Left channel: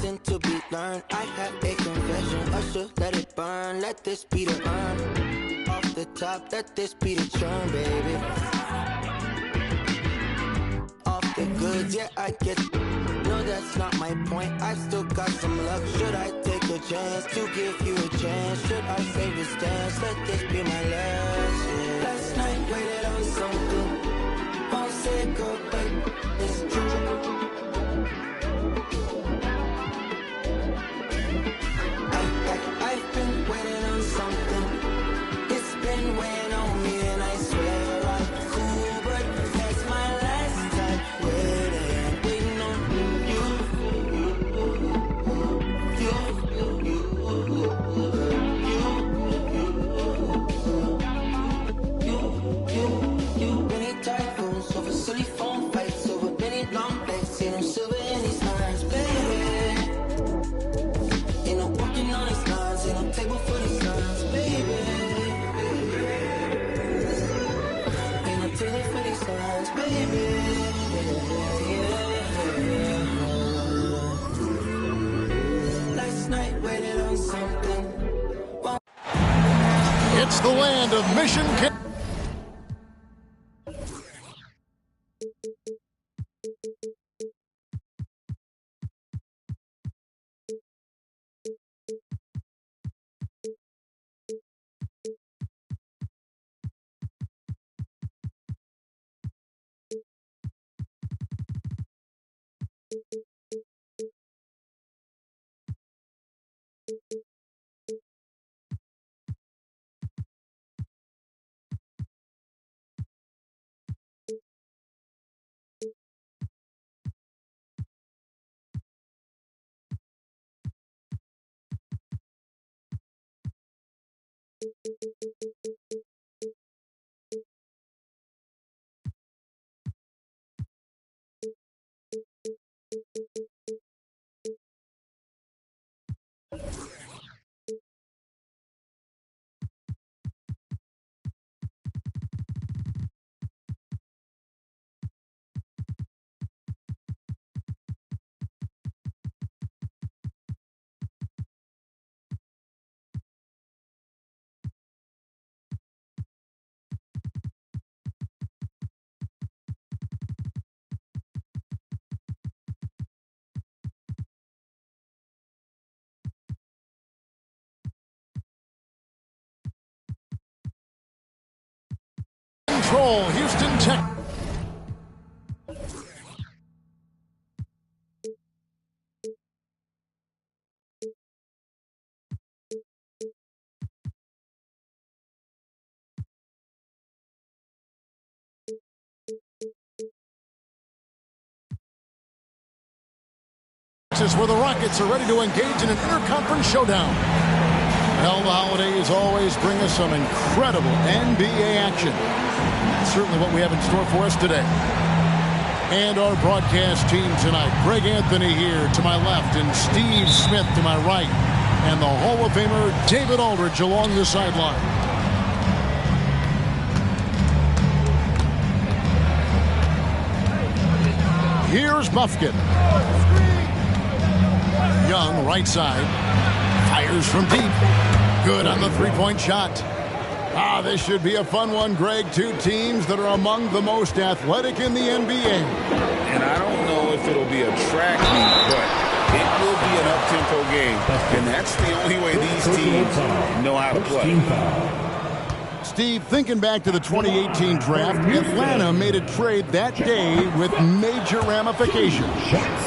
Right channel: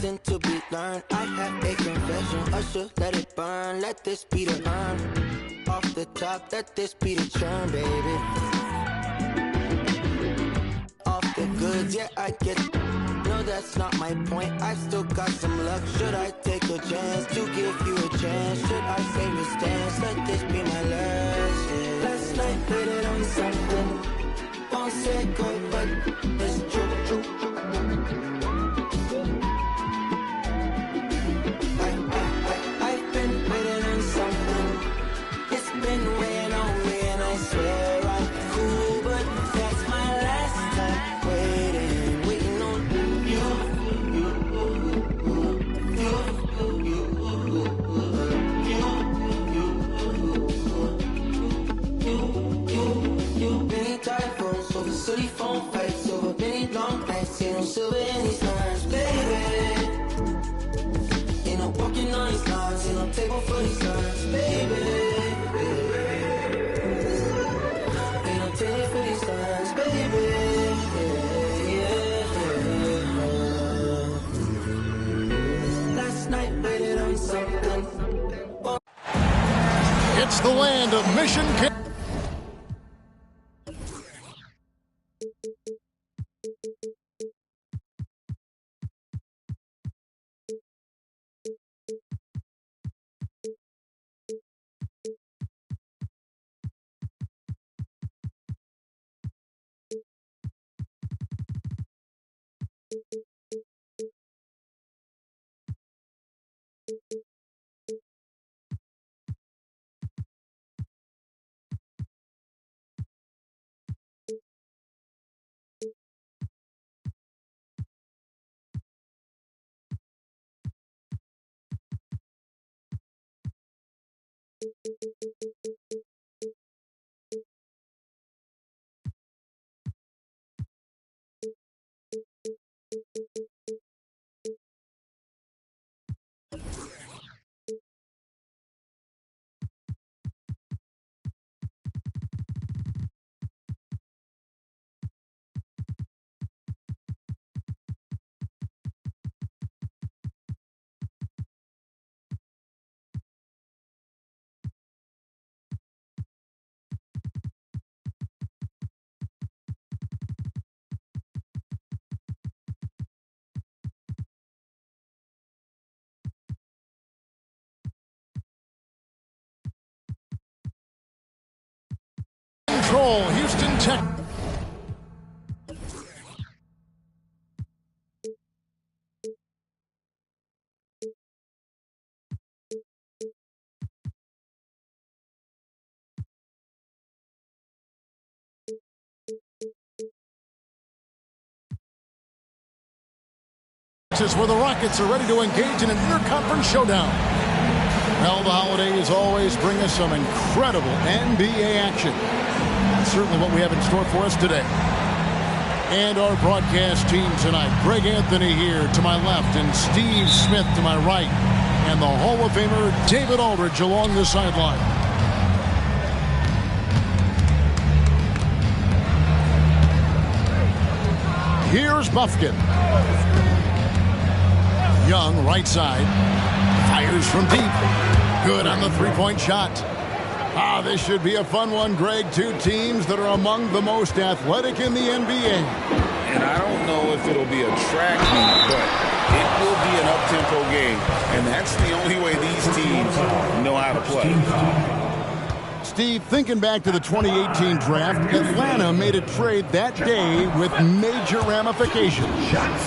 lesson to be learned. I have a confession, usher, let it burn. Let this be the urn. Off the top, let this be the churn, baby. Off the goods, yeah, I get. No, that's not my point. I still got some luck. Should I take a chance to give you a chance? Should I save the stance? Let this be my last. Yeah. Last night, waited on something. Won't say goodbye. It's true. I've been waiting on something. It's been weighing on me, and I swear I'm cool, but that's my last time waiting on you. Many typos over silly phone fights, over many long nights, ain't no silver in these lines, baby. Ain't no walking on these lines, ain't no table for these lines, baby. Ain't no table for these lines, baby. Last night waited on something. It's the land of Mission. Control, Houston Tech. Where the Rockets are ready to engage in an interconference showdown. Well, the holidays always bring us some incredible NBA action. That's certainly what we have in store for us today. And our broadcast team tonight, Greg Anthony here to my left and Steve Smith to my right. And the Hall of Famer David Aldridge along the sideline. Here's Buffkin. Young, right side, fires from deep. Good on the three-point shot. This should be a fun one, Greg. Two teams that are among the most athletic in the NBA. And I don't know if it'll be a track meet, but it will be an up-tempo game. And that's the only way these teams know how to play. Steve, thinking back to the 2018 draft, Atlanta made a trade that day with major ramifications.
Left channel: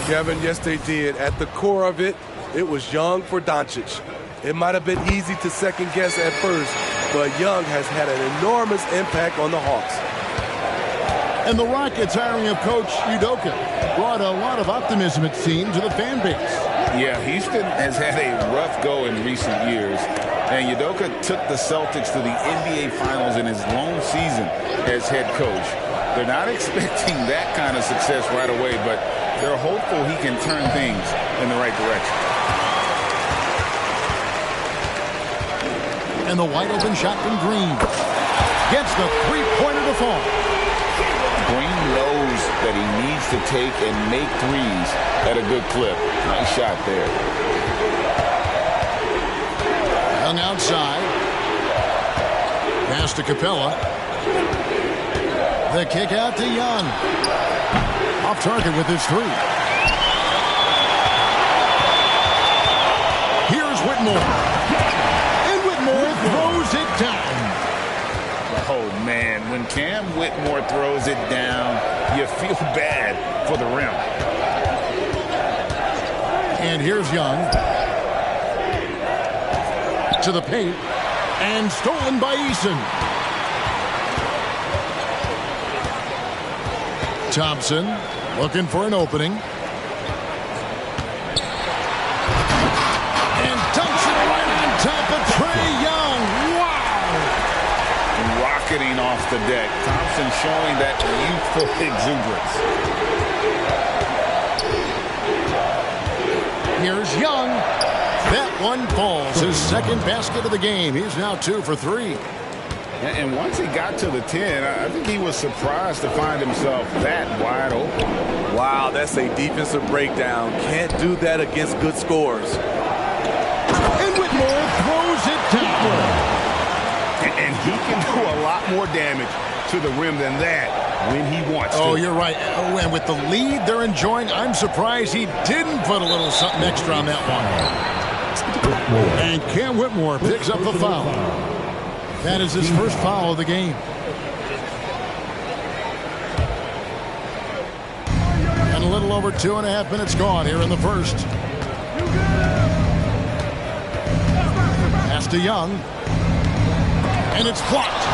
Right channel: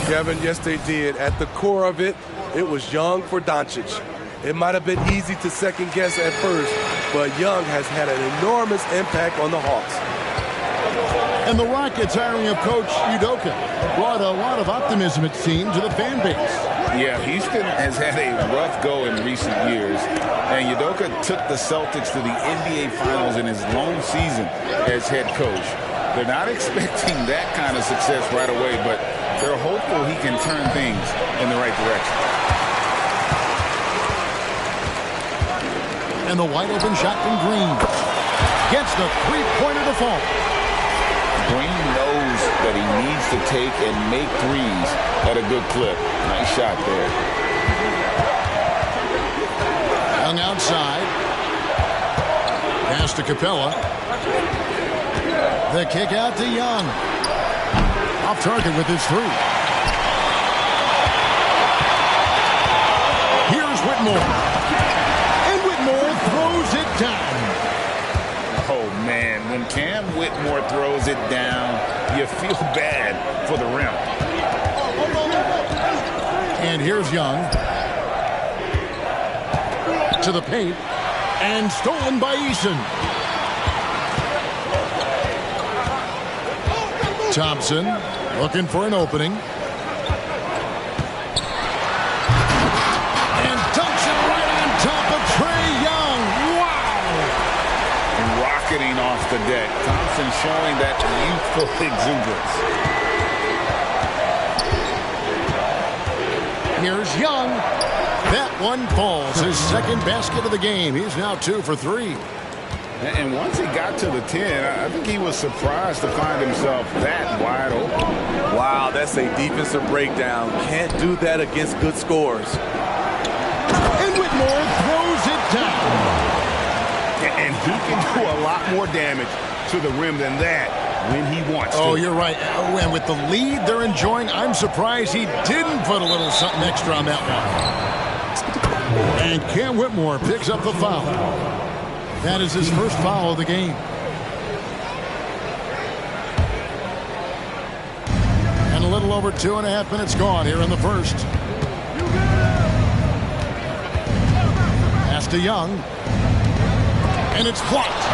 Kevin, yes, they did. At the core of it, it was Young for Doncic. It might have been easy to second-guess at first, but Young has had an enormous impact on the Hawks. And the Rockets hiring of Coach Udoka brought a lot of optimism, it seemed, to the fan base. Yeah, Houston has had a rough go in recent years, and Udoka took the Celtics to the NBA Finals in his lone season as head coach. They're not expecting that kind of success right away, but they're hopeful he can turn things in the right direction. And the wide open shot from Green. Gets the three-pointer to fall. Green knows that he needs to take and make threes at a good clip. Nice shot there. Young outside. Pass to Capella. The kick out to Young. Off target with his three. Here's Whitmore. And Whitmore throws it down. Oh, man, when Cam Whitmore throws it down, you feel bad for the rim. And here's Young. To the paint. And stolen by Eason. Thompson looking for an opening. And dunks it right on top of Trae Young. Wow! Rocketing off the deck. Thompson showing that youthful exuberance. Here's Young. That one falls. His second basket of the game. He's now 2 for 3. And once he got to the 10, I think he was surprised to find himself that wide open. Wow, that's a defensive breakdown. Can't do that against good scores. And Whitmore throws it down. And he can do a lot more damage to the rim than that when he wants to. Oh, you're right. Oh, and with the lead they're enjoying, I'm surprised he didn't put a little something extra on that one. And Cam Whitmore picks up the foul. That is his first foul of the game. And a little over 2.5 minutes gone here in the first. Pass to Young. And it's blocked.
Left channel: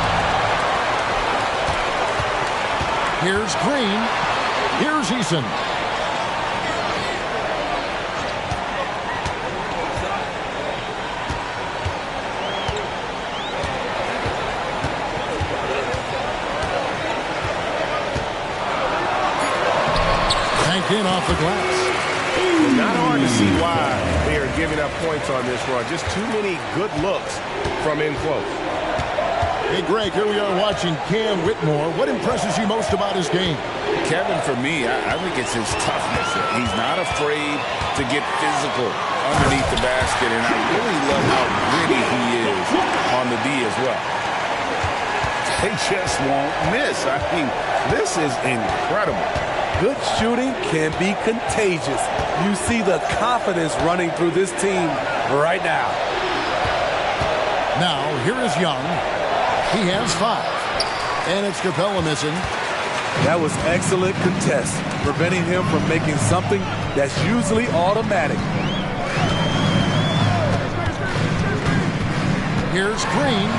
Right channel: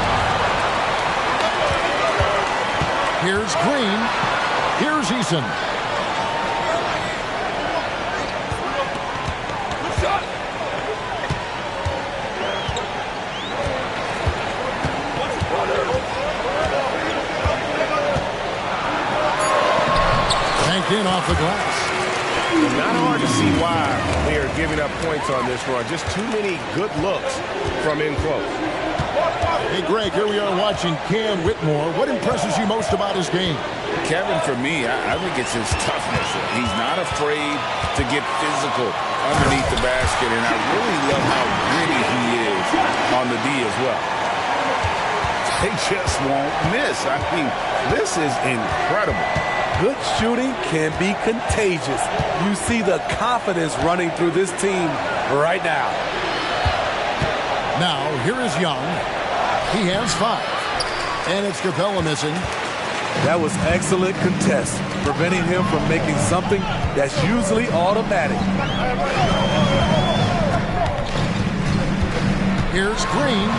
Here's Green. Here's Eason. In off the glass. And not hard to see why they are giving up points on this run. Just too many good looks from in close. Hey, Greg, here we are watching Cam Whitmore. What impresses you most about his game? Kevin, for me, I think it's his toughness. He's not afraid to get physical underneath the basket, and I really love how gritty he is on the D as well. They just won't miss. I mean, this is incredible. Good shooting can be contagious. You see the confidence running through this team right now. Now, here is Young. He has 5. And it's Capella missing. That was excellent contest, preventing him from making something that's usually automatic. Here's Green.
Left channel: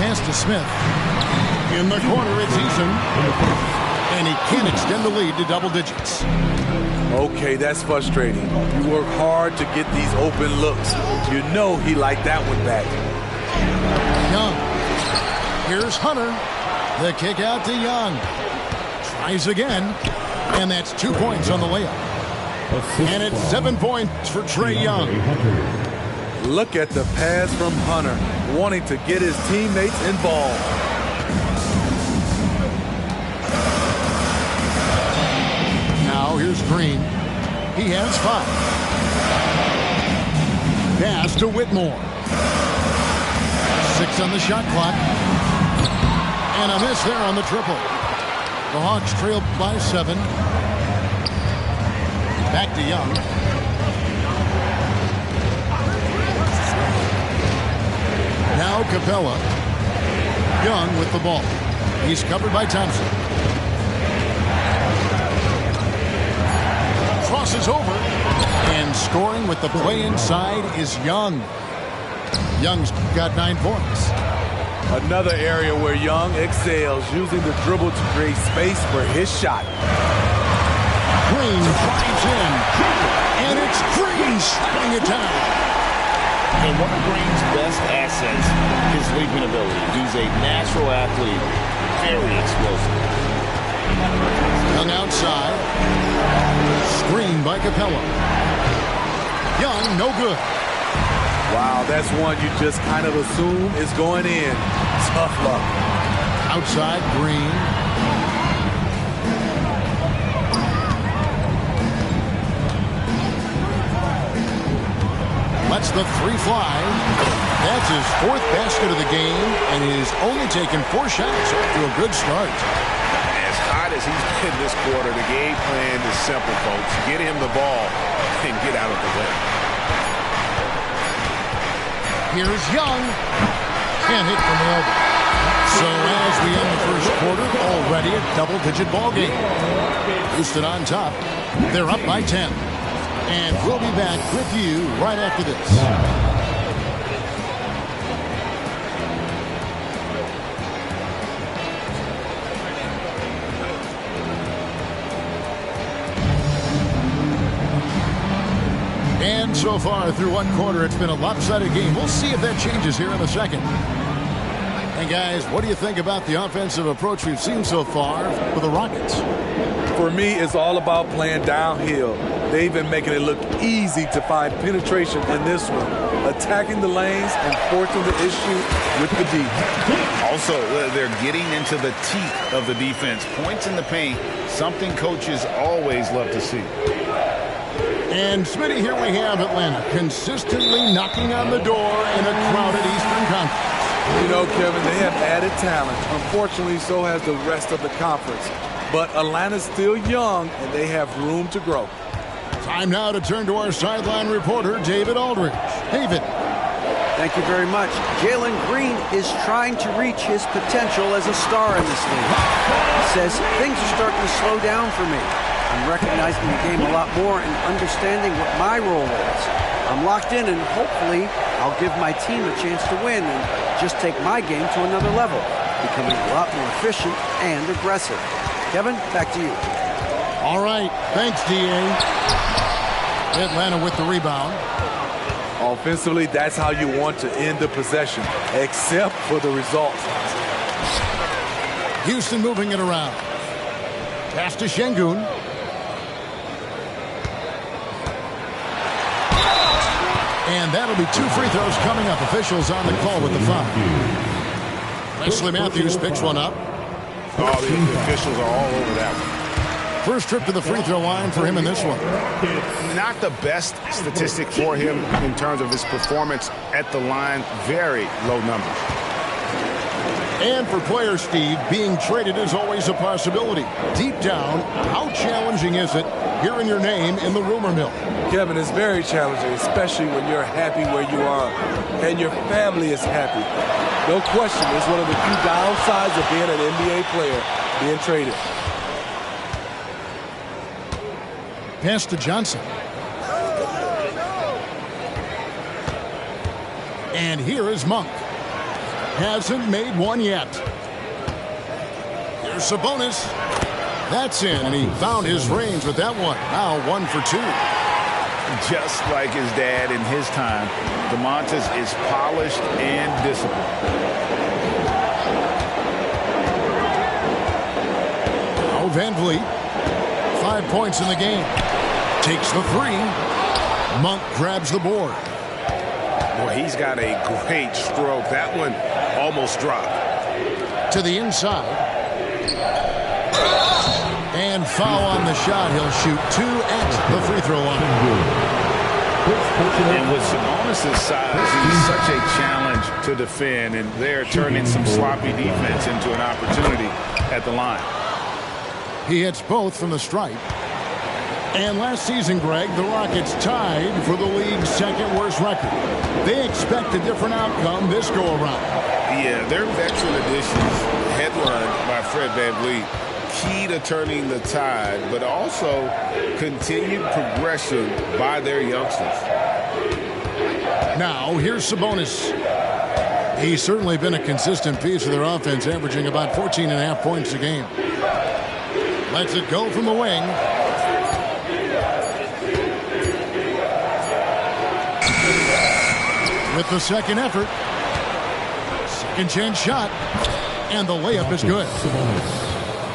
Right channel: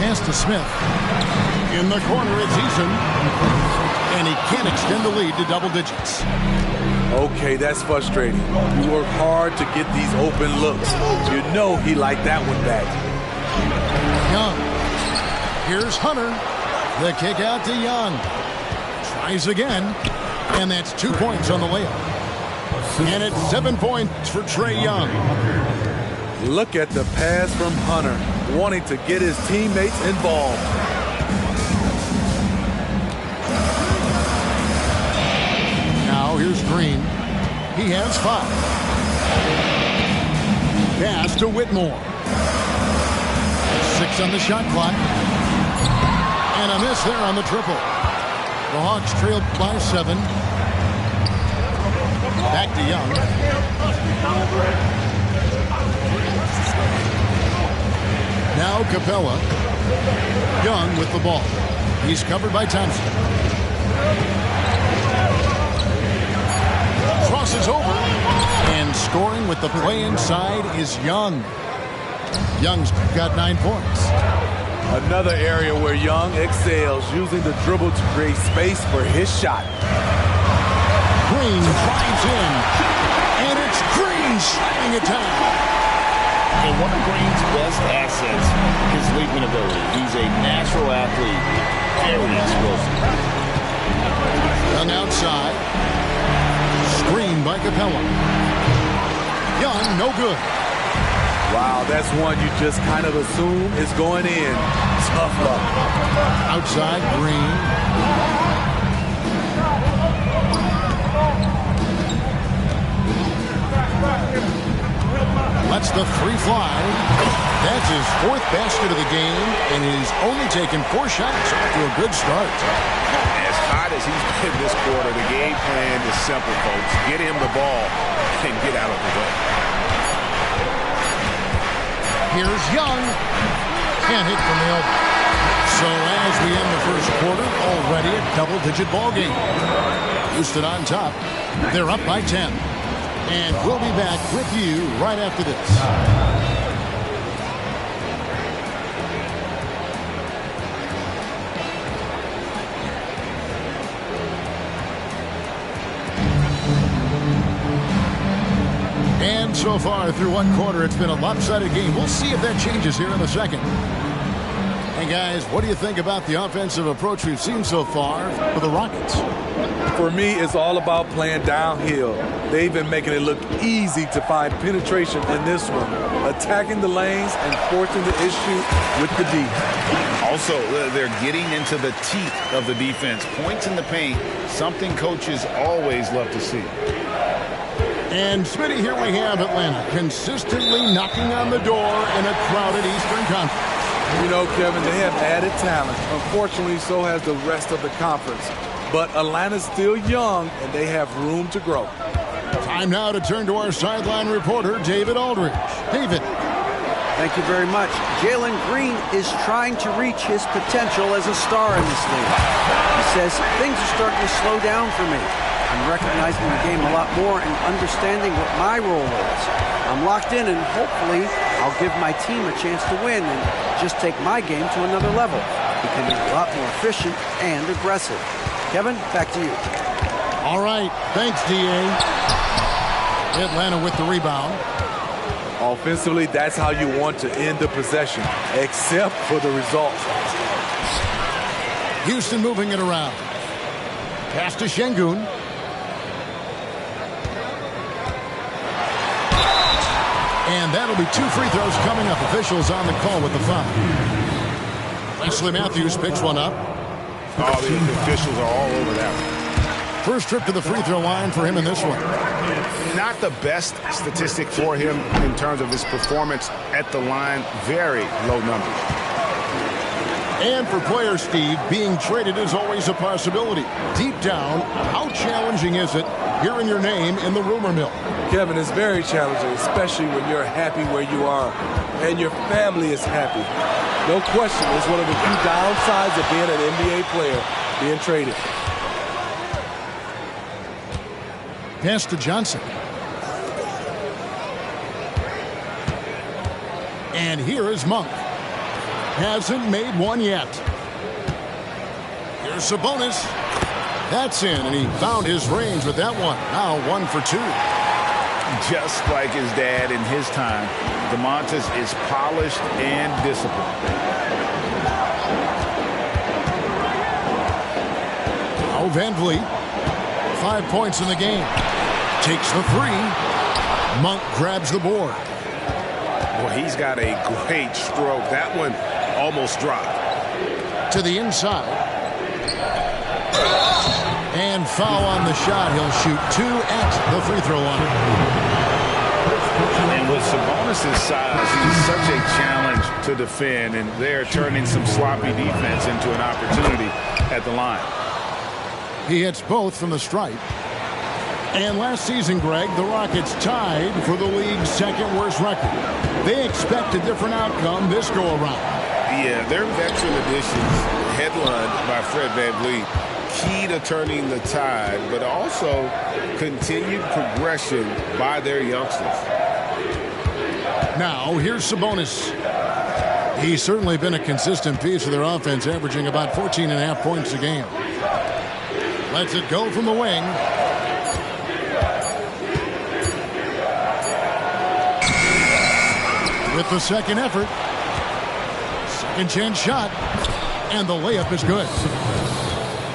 Pass to Smith. In the corner, it's Eason. And he can't extend the lead to double digits. Okay, that's frustrating. You work hard to get these open looks. You know he liked that one back. Young. Here's Hunter. The kick out to Young. Tries again. And that's 2 points on the layup. And it's 7 points for Trae Young. Look at the pass from Hunter, wanting to get his teammates involved. Now here's Green. He has 5. Pass to Whitmore. 6 on the shot clock. And a miss there on the triple. The Hawks trail by 7. Back to Young. Now Capella. Young with the ball. He's covered by Thompson. Crosses over, and scoring with the play inside is Young. Young's got 9 points. Another area where Young excels, using the dribble to create space for his shot. Green drives in, and it's Green shutting it down. And one of Green's best assets, his leaping ability. He's a natural athlete, very explosive. Young outside. Screen by Capella. Young, no good. Wow, that's one you just kind of assume is going in. Tough luck. Outside, Green. lets the three fly. That's his fourth basket of the game, and he's only taken 4 shots. Off to a good start. As hot as he's been this quarter, the game plan is simple, folks. Get him the ball and get out of the way. Here's Young. Can't hit from the elbow. So as we end the first quarter, already a double-digit ball game. Houston on top. They're up by 10. And we'll be back with you right after this. And so far through one quarter, it's been a lopsided game. We'll see if that changes here in a second. And guys, what do you think about the offensive approach we've seen so far for the Rockets? For me, it's all about playing downhill. They've been making it look easy to find penetration in this one, attacking the lanes and forcing the issue with the D. Also, they're getting into the teeth of the defense. Points in the paint, something coaches always love to see. And Smitty, here we have Atlanta consistently knocking on the door in a crowded Eastern Conference. You know, Kevin, they have added talent. Unfortunately, so has the rest of the conference. But Atlanta's still young, and they have room to grow. Time now to turn to our sideline reporter, David Aldridge. David. Thank you very much. Jalen Green is trying to reach his potential as a star in this league. He says, things are starting to slow down for me. I'm recognizing the game a lot more and understanding what my role is. I'm locked in, and hopefully I'll give my team a chance to win and just take my game to another level, becoming a lot more efficient and aggressive. Kevin, back to you. All right. Thanks, D.A. Atlanta with the rebound. Offensively, that's how you want to end the possession, except for the result. Houston moving it around. Pass to Şengün. And that'll be 2 free throws coming up. Officials on the call with the foul. Wesley Matthews picks one up. Oh, the officials are all over that one. First trip to the free throw line for him in this one. Not the best statistic for him in terms of his performance at the line. Very low numbers. And for player Steve, being traded is always a possibility. Deep down, how challenging is it hearing your name in the rumor mill? Kevin, it's very challenging, especially when you're happy where you are and your family is happy. No question, it's one of the few downsides of being an NBA player, being traded. Pass to Johnson. And here is Monk. Hasn't made one yet. Here's Sabonis. That's in, and he found his range with that one. Now 1 for 2. Just like his dad in his time, DeMontis is polished and disciplined. Now Van Vliet. 5 points in the game. Takes the 3. Monk grabs the board. Boy, he's got a great stroke. That one almost dropped. To the inside. And foul on the shot. He'll shoot 2 at the free throw line. And with Sabonis' size, he's such a challenge to defend, and they're turning some sloppy defense into an opportunity at the line. He hits both from the stripe. And last season, Greg, the Rockets tied for the league's second worst record. They expect a different outcome this go-around. Yeah, their veteran additions, headlined by Fred VanVleet, key to turning the tide, but also continued progression by their youngsters. Now, here's Sabonis. He's certainly been a consistent piece of their offense, averaging about 14.5 points a game. Lets it go from the wing. With the second effort. Second chance shot. And the layup is good.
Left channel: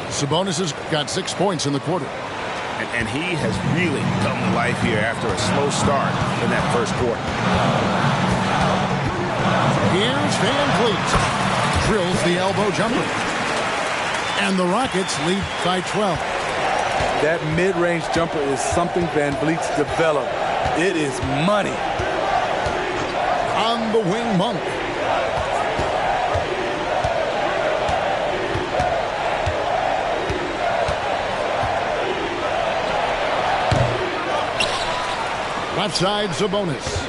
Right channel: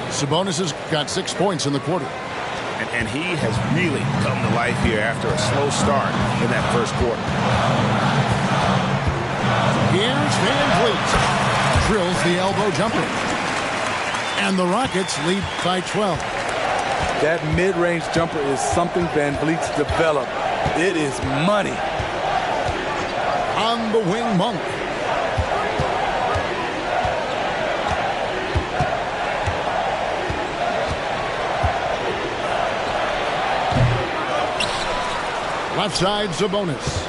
Sabonis has got 6 points in the quarter. And he has really come to life here after a slow start in that first quarter. Here's Van Vliet. Drills the elbow jumper. And the Rockets lead by 12. That mid-range jumper is something Van Vliet's developed. It is money. on the wing, Monk. Left side, Sabonis.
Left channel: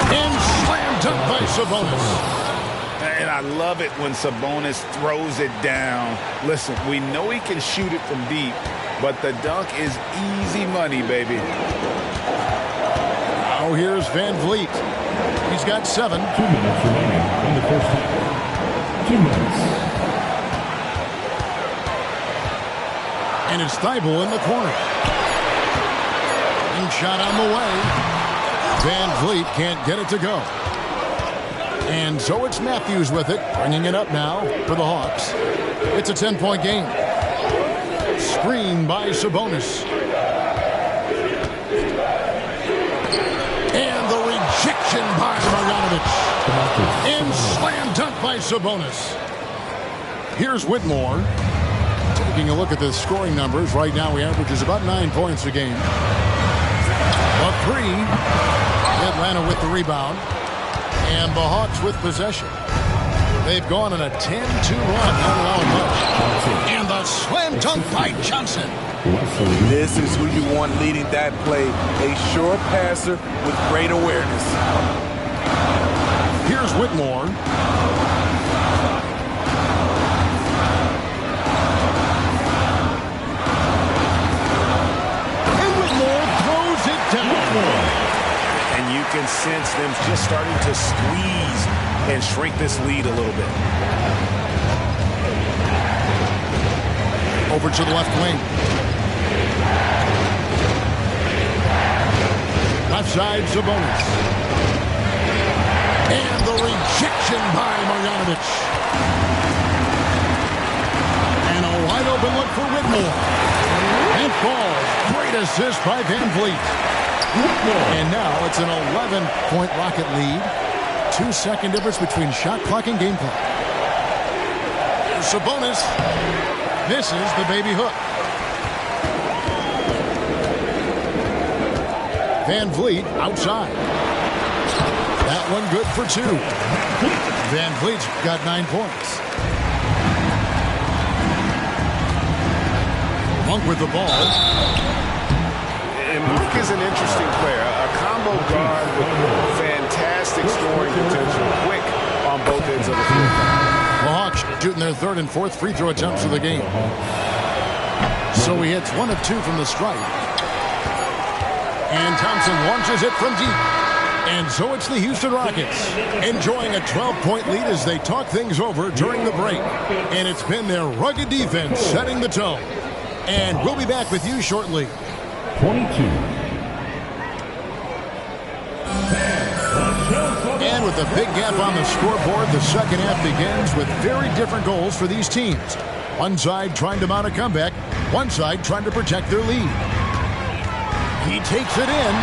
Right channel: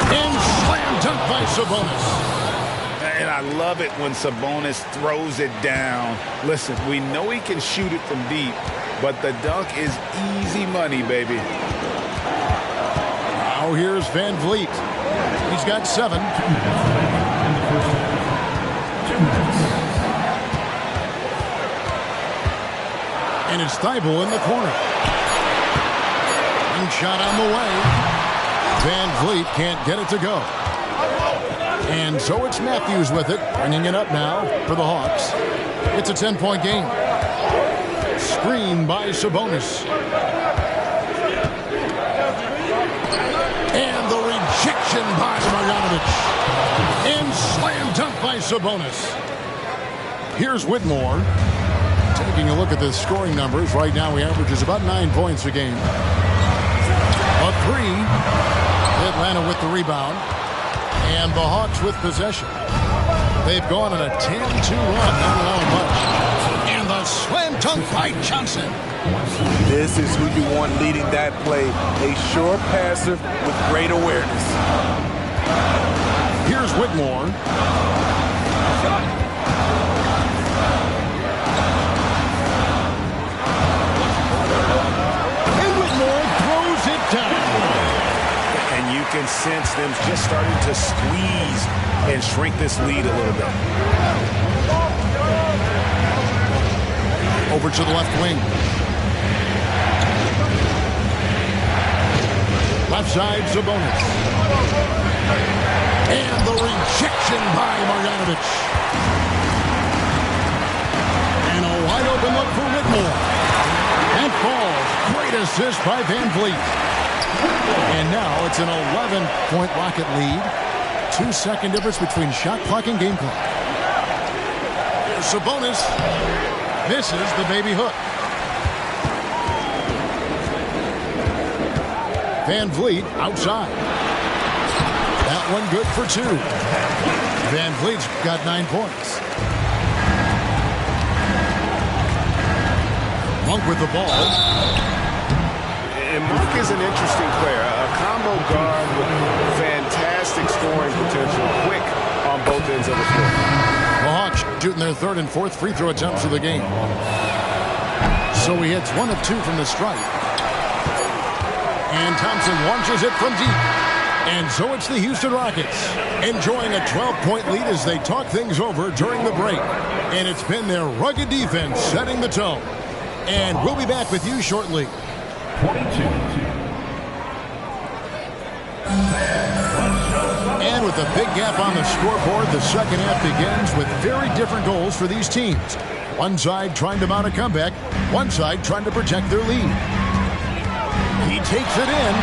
And slam dunk by Sabonis. And I love it when Sabonis throws it down. Listen, we know he can shoot it from deep, but the dunk is easy money, baby. Now here's Van Vliet. He's got 7. 2 minutes remaining in the first half. 2 minutes. And it's Thibault in the corner. And shot on the way. Van Vliet can't get it to go. And so it's Matthews with it, bringing it up now for the Hawks. It's a 10-point game. Screen by Sabonis. And the rejection by Marjanovic. And slam dunk by Sabonis. Here's Whitmore. Taking a look at the scoring numbers. Right now he averages about 9 points a game. A 3. Atlanta with the rebound. And the Hawks with possession. They've gone on a 10-2 run, not allowing much. And the slam dunk by Johnson. This is who you want leading that play. A sure passer with great awareness. Here's Whitmore. And Whitmore throws it down. And you can sense them just starting to squeeze and shrink this lead a little bit. Over to the left wing. Left side, Sabonis. And the rejection by Marjanovic. And a wide open look for Whitmore. And falls. Great assist by Van Vliet. And now it's an 11-point Rocket lead. 2-second difference between shot clock and game clock. Here's Sabonis. Misses the baby hook. Van Vliet outside. That one good for 2. Van Vliet's got 9 points. Monk with the ball. And Monk is an interesting player, a combo guard with fantastic scoring potential, quick on both ends of the floor. The Hawks shooting their 3rd and 4th free throw attempts of the game. So he hits 1 of 2 from the stripe. And Thompson launches it from deep. And so it's the Houston Rockets enjoying a 12-point lead as they talk things over during the break. And it's been their rugged defense setting the tone. And we'll be back with you shortly. 22. And with a big gap on the scoreboard, the second half begins with very different goals for these teams. One side trying to mount a comeback, one side trying to protect their lead. He takes it in,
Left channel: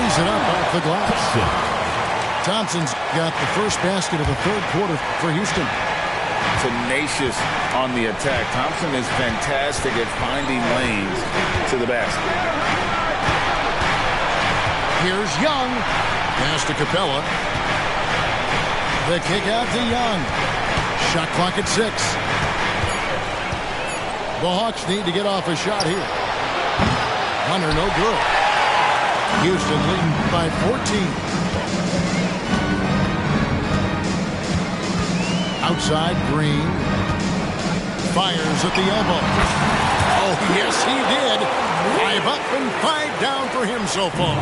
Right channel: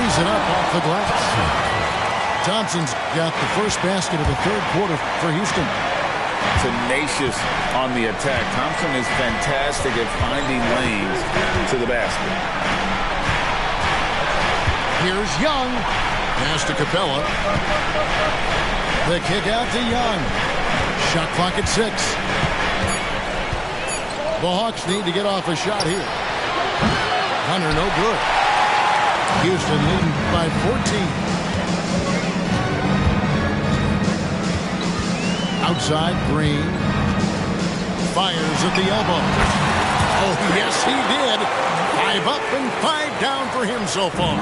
lays it up off the glass. Thompson's got the first basket of the 3rd quarter for Houston. Tenacious on the attack. Thompson is fantastic at finding lanes to the basket. Here's Young. Pass to Capella. The kick out to Young. Shot clock at 6. The Hawks need to get off a shot here. Hunter no good. Houston leading by 14. Outside, Green. Fires at the elbow. Oh, yes, he did. 5 up and 5 down for him so far.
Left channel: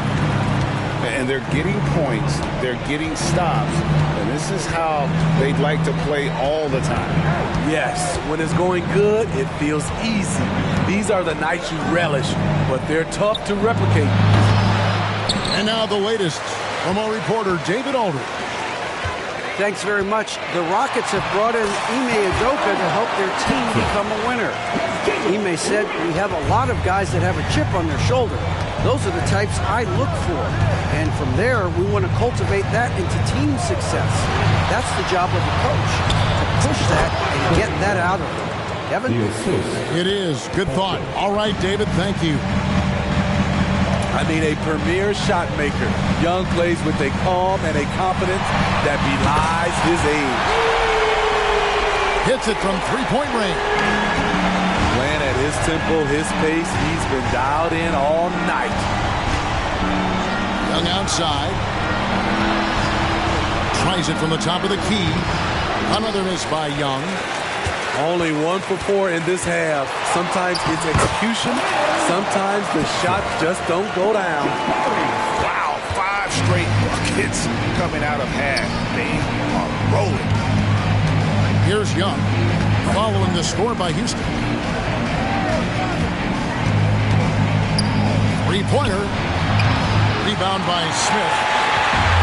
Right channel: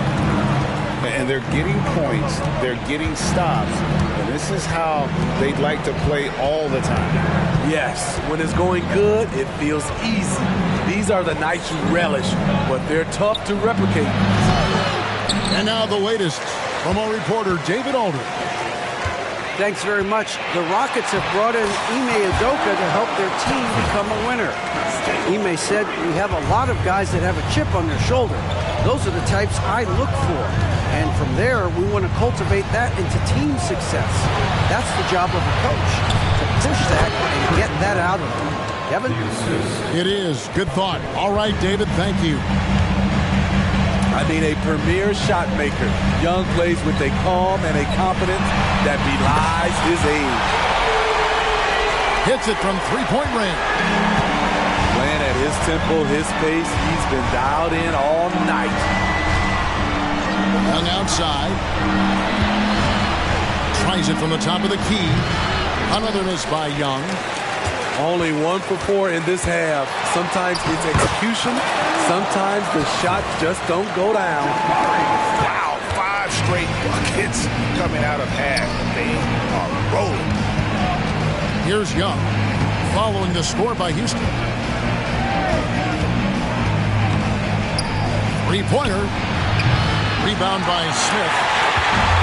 And they're getting points. They're getting stops. And this is how they'd like to play all the time. Yes, when it's going good, it feels easy. These are the nights you relish, but they're tough to replicate. And now the latest from our reporter, David Aldridge. Thanks very much. The Rockets have brought in Ime Udoka to help their team become a winner. Ime said, "We have a lot of guys that have a chip on their shoulder. Those are the types I look for. And from there, we want to cultivate that into team success. That's the job of a coach, to push that and get that out of them." Kevin? It is. Good thought. All right, David, thank you. I mean, a premier shot maker. Young plays with a calm and a confidence that belies his age. Hits it from three-point range. Playing at his tempo, his pace. He's been dialed in all night. Young outside. Tries it from the top of the key. Another miss by Young. Only 1 for 4 in this half. Sometimes it's execution. Sometimes the shots just don't go down. Wow, 5 straight buckets coming out of half. They are rolling. Here's Young, following the score by Houston. Three-pointer. Rebound by Smith.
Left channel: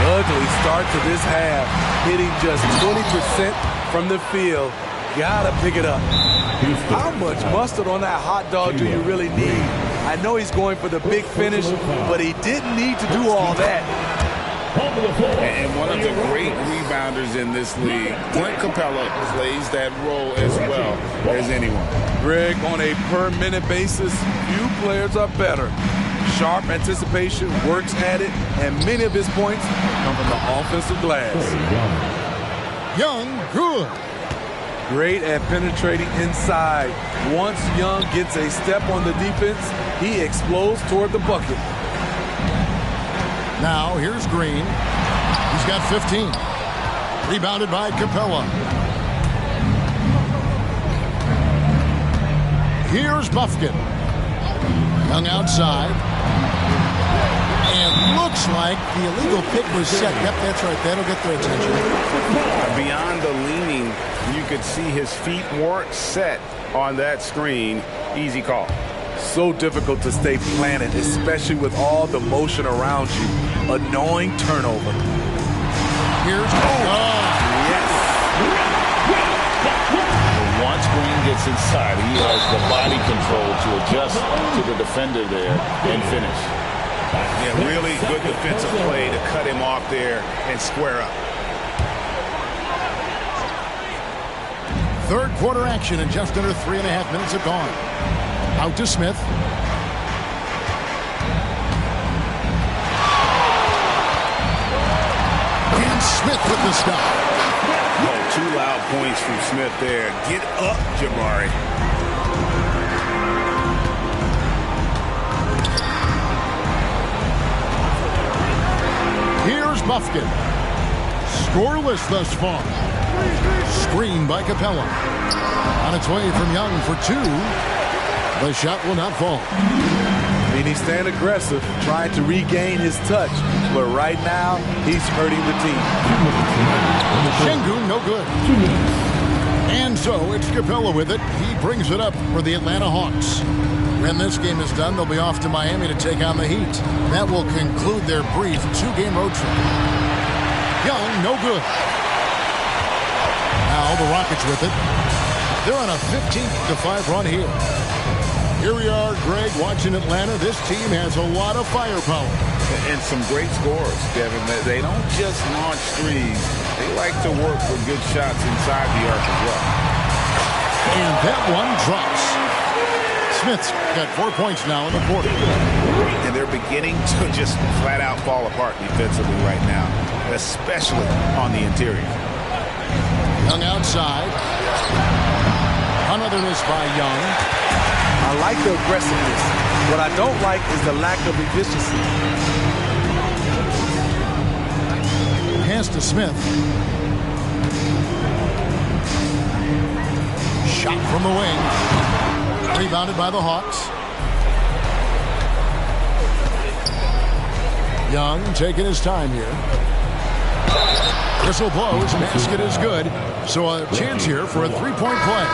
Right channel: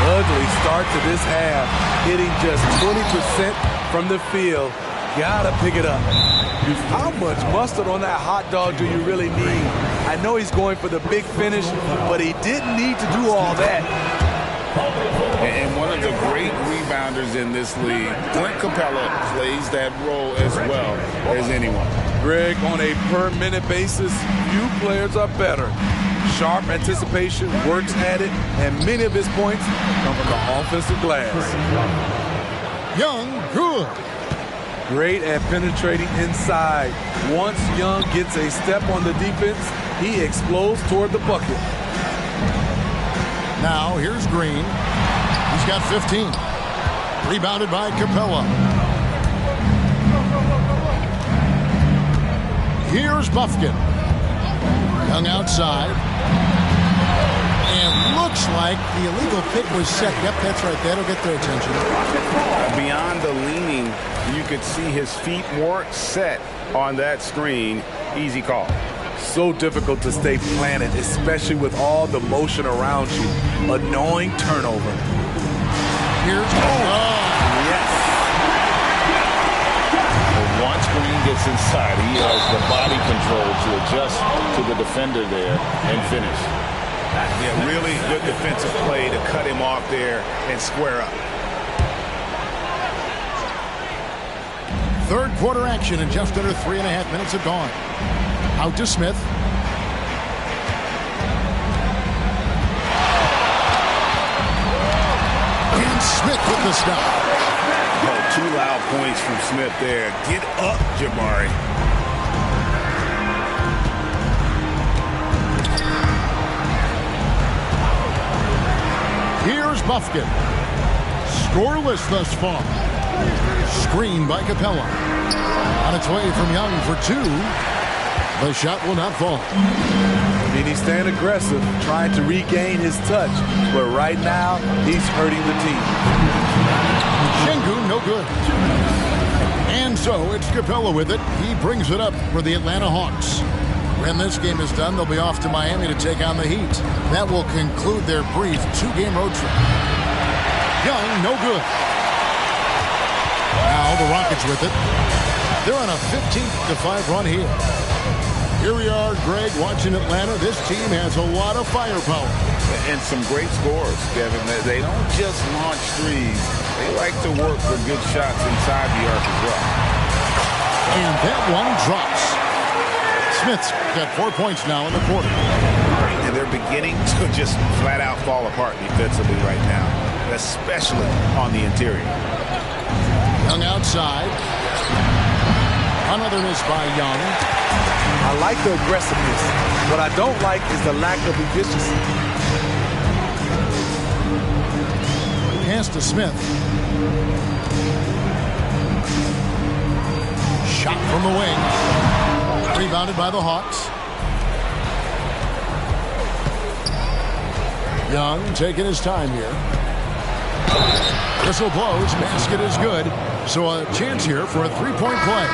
Ugly start to this half. Hitting just 20% from the field. Gotta pick it up. How much mustard on that hot dog do you really need? I know he's going for the big finish, but he didn't need to do all that. And one of the great rebounders in this league, Clint Capella, plays that role as well as anyone. Greg, on a per-minute basis, few players are better. Sharp anticipation, works at it, and many of his points come from the offensive glass. Young, good. Great at penetrating inside. Once Young gets a step on the defense, he explodes toward the bucket. Now, here's Green. He's got 15. Rebounded by Capella. Here's Buffkin. Young outside. And looks like the illegal pick was set. Yep, that's right. That'll get their attention. Beyond the leaning, you could see his feet weren't set on that screen. Easy call. So difficult to stay planted, especially with all the motion around you. Annoying turnover. Here's yes. But once Green gets inside, he has the body control to adjust to the defender there and finish. Yeah, really good defensive play to cut him off there and square up. Third quarter action, and just under 3.5 minutes have gone. Out to Smith. And Smith with the stop. Oh, 2 loud points from Smith there. Get up, Jabari. Here's Buffkin. Scoreless thus far. Screen by Capella. On its way from Young for 2. The shot will not fall. I mean, he's staying aggressive, trying to regain his touch. But right now, he's hurting the team. Şengün, no good. And so it's Capella with it. He brings it up for the Atlanta Hawks. When this game is done, they'll be off to Miami to take on the Heat. That will conclude their brief 2-game road trip. Young, no good. Now the Rockets with it. They're on a 15-5 run here. Here we are, Greg, watching Atlanta. This team has a lot of firepower. And some great scores, Kevin. They don't just launch threes. They like to work for good shots inside the arc as well. And that one drops. Smith's got 4 points now in the quarter. And they're beginning to just flat out fall apart defensively right now, especially on the interior. Young outside. Another miss by Young. I like the aggressiveness. What I don't like is the lack of efficiency. Pass to Smith. Shot from the wing. Rebounded by the Hawks. Young taking his time here. Whistle blows. Basket is good. So a chance here for a three-point play.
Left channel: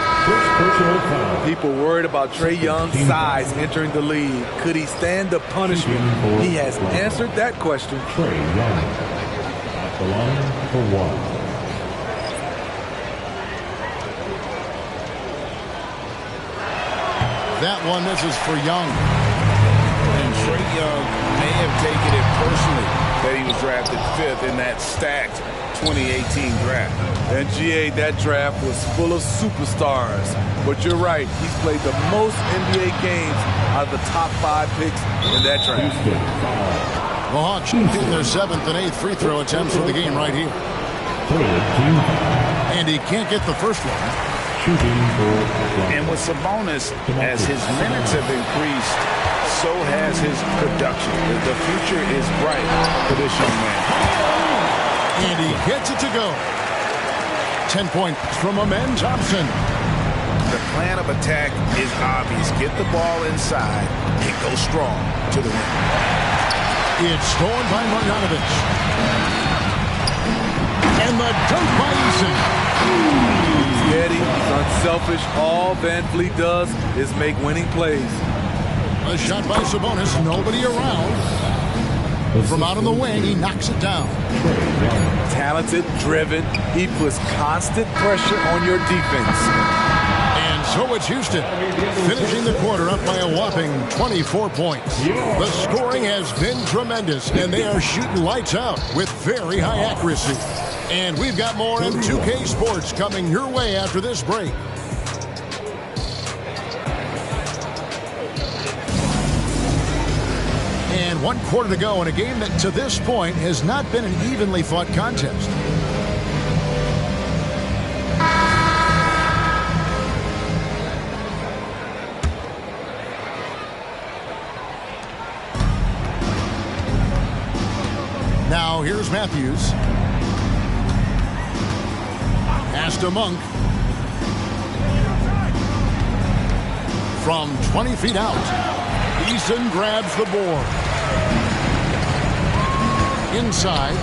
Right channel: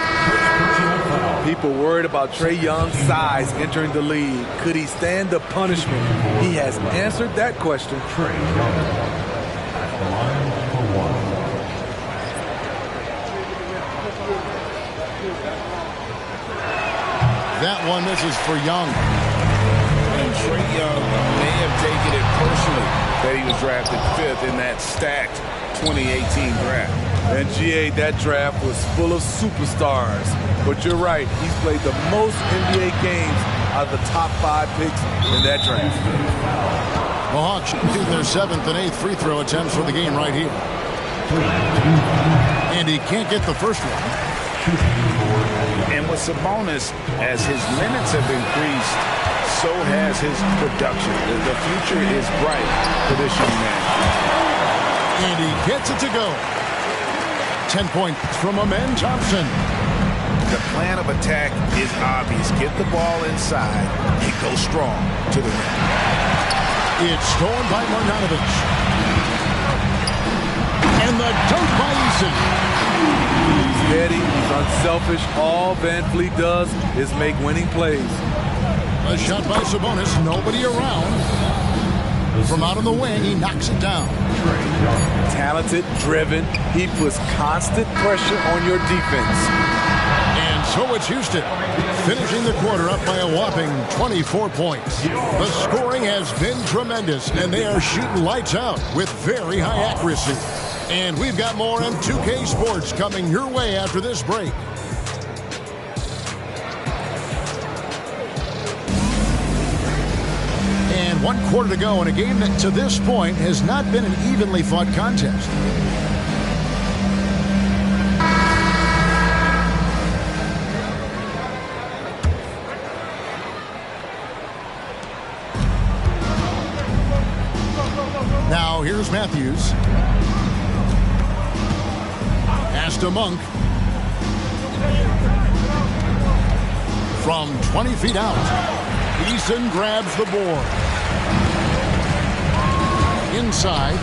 People worried about Trae Young's size entering the league. Could he stand the punishment? He has answered that question. Trae Young at the line for 1. That one misses for Young. And Trae Young may have taken it personally that he was drafted 5th in that stacked 2018 draft. And GA, that draft was full of superstars. But you're right, he's played the most NBA games out of the top 5 picks in that draft. The Hawks shooting their 7th and 8th free throw attempts for the game right here. And he can't get the first one. And with Sabonis, as his minutes have increased, so has his production. The future is bright for this young man. And he gets it to go. 10 points from Gm17. The plan of attack is obvious. Get the ball inside and go strong to the rim. It's stolen by Marjanovic. And the dunk by Eason. He's heady, he's unselfish. All Van Vliet does is make winning plays. A shot by Sabonis, nobody around. From out on the wing, he knocks it down. Talented, driven, he puts constant pressure on your defense. And so it's Houston, finishing the quarter up by a whopping 24 points. The scoring has been tremendous, and they are shooting lights out with very high accuracy. And we've got more M2K Sports coming your way after this break. And 1 quarter to go in a game that to this point has not been an evenly fought contest. Now here's Matthews. Pass to Monk. From 20 feet out, Eason grabs the board. Inside,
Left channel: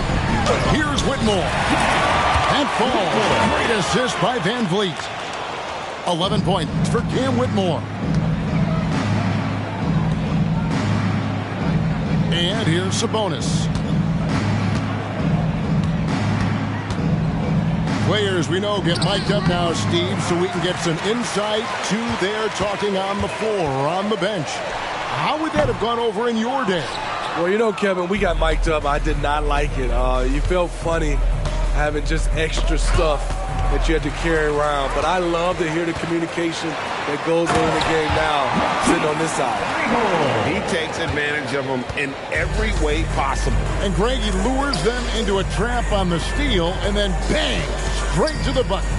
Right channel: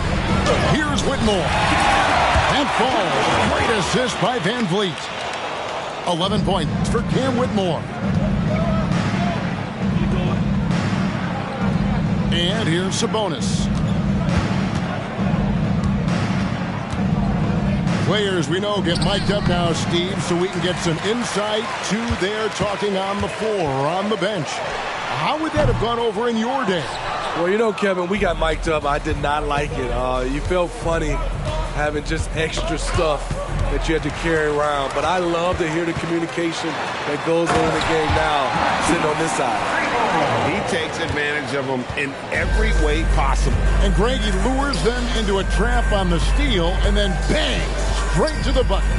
here's Whitmore. That falls. Great assist by Van Vliet. 11 points for Cam Whitmore. And here's Sabonis. Players we know get mic'd up now, Steve, so we can get some insight to their talking on the floor or on the bench. How would that have gone over in your day? Well, you know, Kevin, we got mic'd up. I did not like it. You felt funny having just extra stuff that you had to carry around. But I love to hear the communication that goes on in the game now, sitting on this side. He takes advantage of them in every way possible. And Greg, he lures them into a trap on the steal, and then bang, straight to the bucket.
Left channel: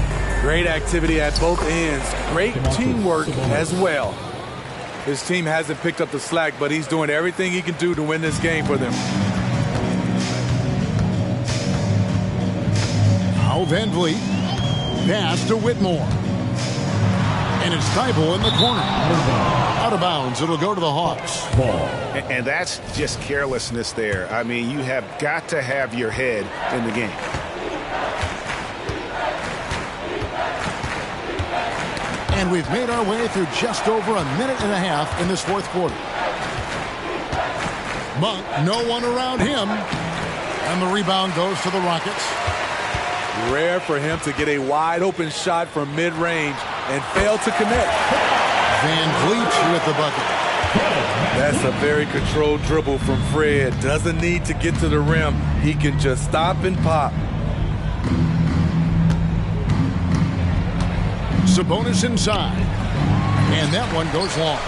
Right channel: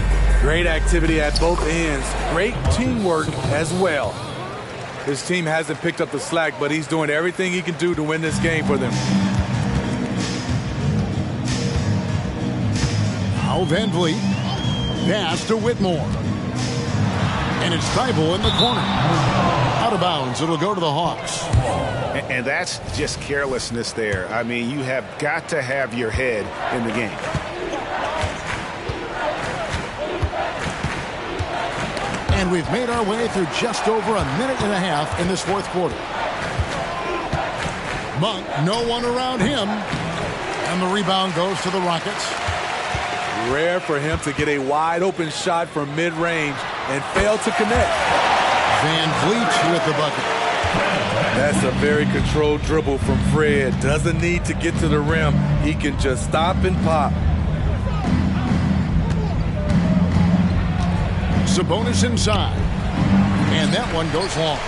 Great activity at both ends. Great teamwork as well. His team hasn't picked up the slack, but he's doing everything he can do to win this game for them. Now Van Vliet. Pass to Whitmore. And it's Thibault in the corner. Out of bounds. It'll go to the Hawks. And that's just carelessness there. I mean, you have got to have your head in the game. And we've made our way through just over a minute and a half in this fourth quarter. Monk, no one around him. And the rebound goes to the Rockets. Rare for him to get a wide open shot from mid-range and fail to connect. Van Vliet with the bucket. That's a very controlled dribble from Fred. Doesn't need to get to the rim. He can just stop and pop. Sabonis inside. And that one goes long.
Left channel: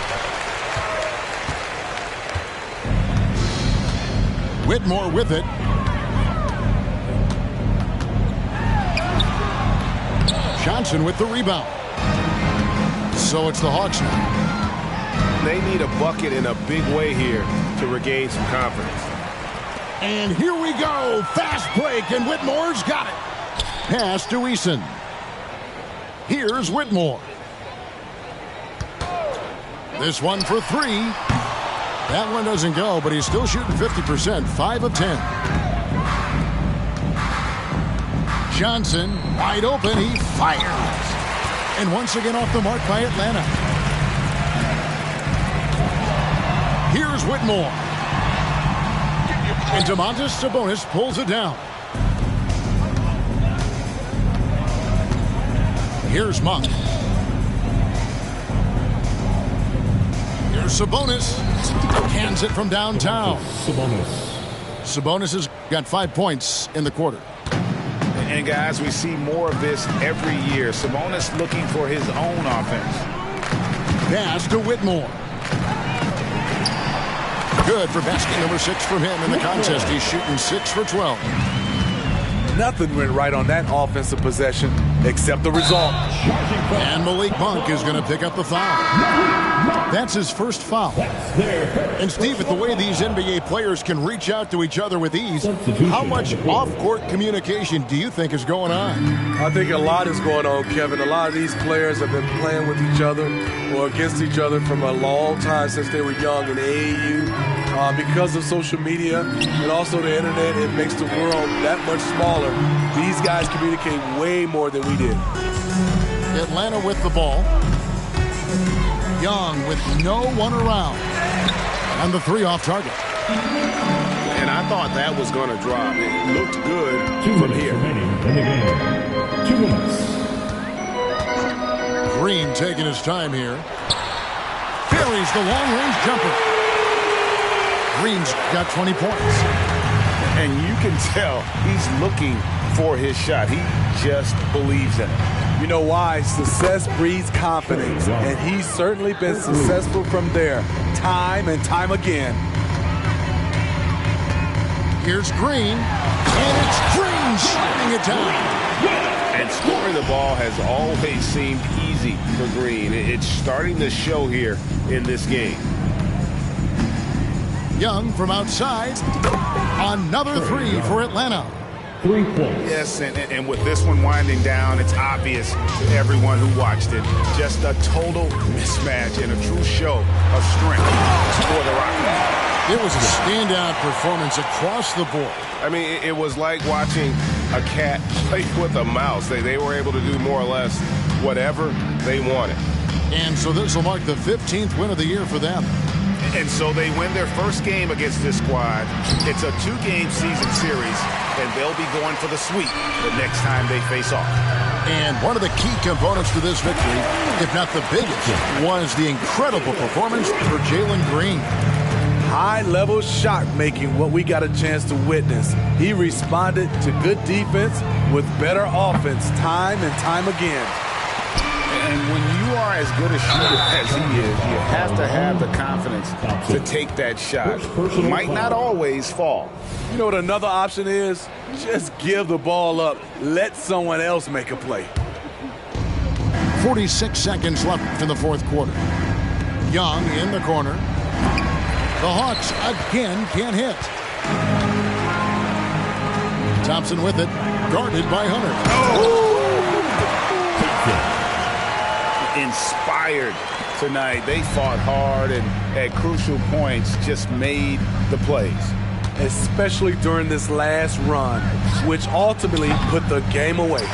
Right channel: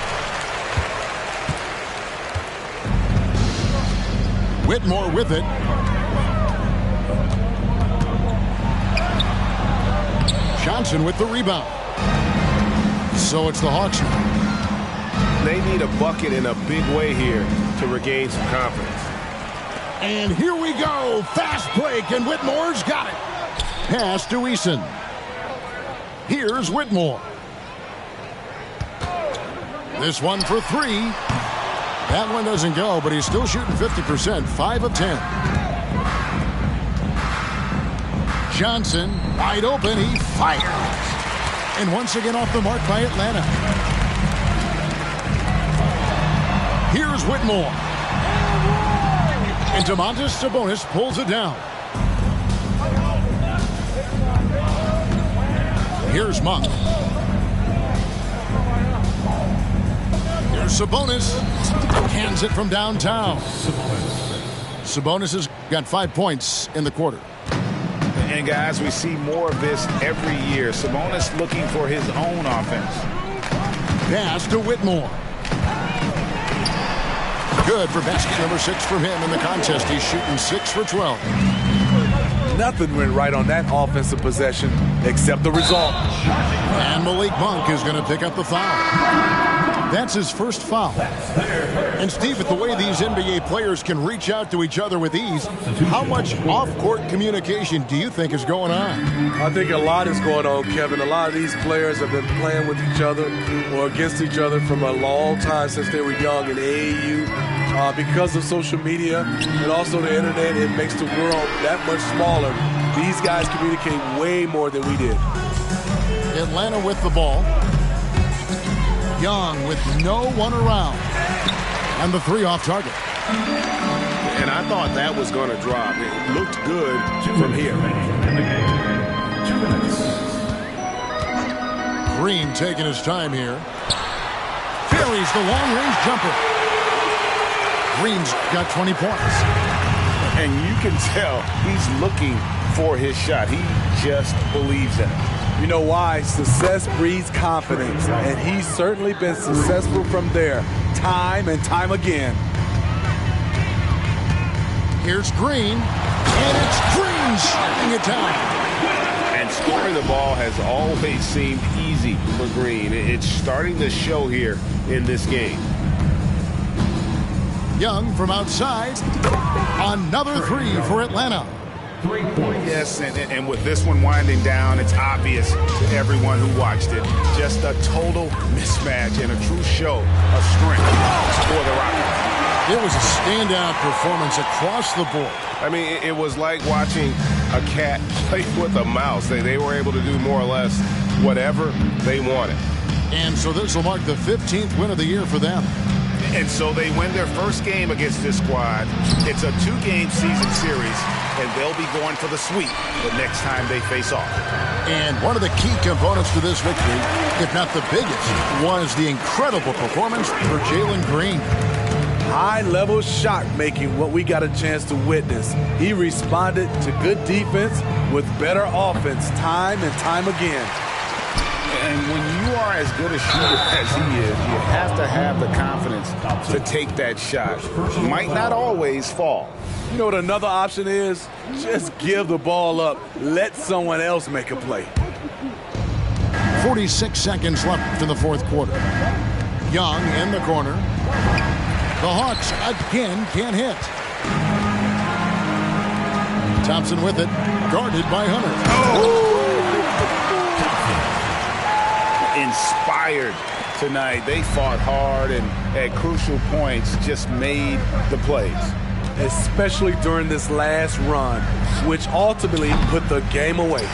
Whitmore with it. Johnson with the rebound. So it's the Hawks now. They need a bucket in a big way here to regain some confidence. And here we go. Fast break, and Whitmore's got it. Pass to Eason. Here's Whitmore. This one for three. That one doesn't go, but he's still shooting 50%, 5 of 10. Johnson, wide open, he fires. And once again off the mark by Atlanta. Here's Whitmore. And Domantas Sabonis pulls it down. Here's Monk. Here's Sabonis. Hands it from downtown. Sabonis has got 5 points in the quarter. And guys, we see more of this every year. Sabonis looking for his own offense. Pass to Whitmore. Good for basket number 6 from him in the contest. He's shooting 6 for 12. Nothing went right on that offensive possession except the result. And Malik Monk is going to pick up the foul. That's his first foul. And Steve, with the way these NBA players can reach out to each other with ease, how much off-court communication do you think is going on? I think a lot is going on, Kevin. A lot of these players have been playing with each other or against each other from a long time since they were young in AAU. Because of social media and also the internet, it makes the world that much smaller. These guys communicate way more than we did. Atlanta with the ball. Young with no one around. And the 3 off target. And I thought that was going to drop. It looked good from here. In the game. 2 minutes. Green taking his time here. Carries the long-range jumper. Green's got 20 points. And you can tell he's looking for his shot. He just believes in it. You know why? Success breeds confidence, and he's certainly been successful from there, time and time again. Here's Green, and it's Green slamming it down. And scoring the ball has always seemed easy for Green. It's starting to show here in this game. Young from outside. Another 3 for Atlanta. 3 points. Yes, and with this one winding down, it's obvious to everyone who watched it. Just a total mismatch and a true show of strength for the Rockets. It was a standout performance across the board. I mean, it was like watching a cat play with a mouse. They were able to do more or less whatever they wanted. And so this will mark the 15th win of the year for them. And so they win their first game against this squad. It's a 2-game season series, and they'll be going for the sweep the next time they face off. And one of the key components to this victory, if not the biggest, was the incredible performance for Jalen Green. High-level shot making, what we got a chance to witness. He responded to good defense with better offense time and time again. And when you are as good a shooter as he is, you have to have the confidence to take that shot. It might not always fall. You know what another option is? Just give the ball up. Let someone else make a play. 46 seconds left in the 4th quarter. Young in the corner. The Hawks again can't hit. Thompson with it, guarded by Hunter. Inspired tonight. They fought hard and at crucial points just made the plays. Especially during this last run, which ultimately put the game away.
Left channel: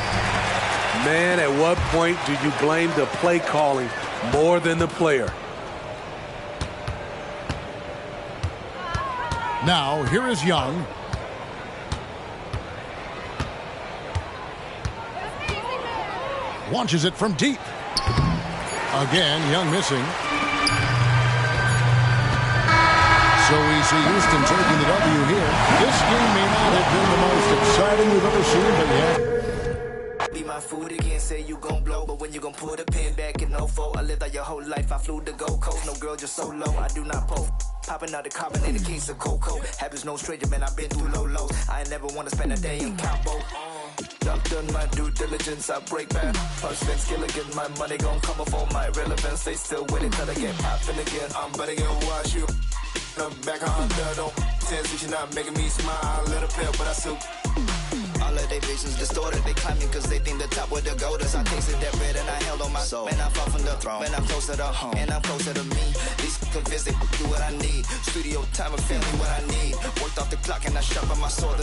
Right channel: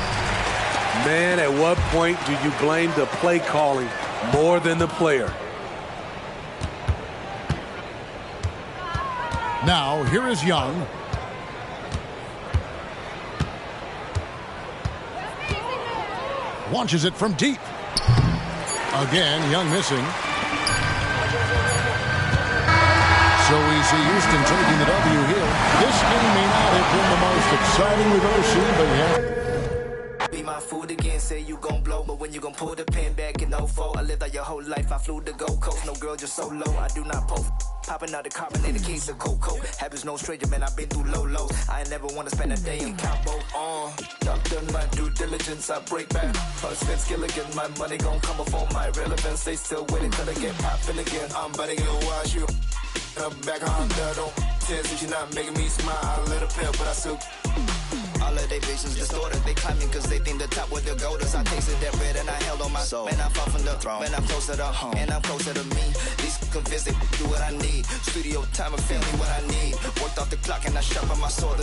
Man, at what point do you blame the play calling more than the player? Now, here is Young. Launches it from deep. Again, Young missing. So we see Houston taking the W here. This game may not have been the most exciting we've ever seen, but yeah. Be my food again, say you gon' blow, but when you gon' pull the pin back in 04, I lived out your whole life, I flew to Gold Coast, no girl, just solo, I do not post. Popping out the carbonated case of cocoa. Habits no stranger, man, I've been through low lows. I ain't never wanna spend a day in Cabo. I've done my due diligence, I break back. First Vince Gilligan, my money gon' come before my relevance. They still winning till I get poppin' again. I'm better gonna watch you. Back on don't tell you you're not making me smile. A little pale, but I still. All of they visions distorted. They climbing cause they think the top where the gold is. I tasted that bread and I held on my soul. Man, I fought from the throne. Man, I'm closer to home. And I'm closer to me. These convinced they do what I need. Studio time and family what I need. Worked off the clock and I sharpened my sword.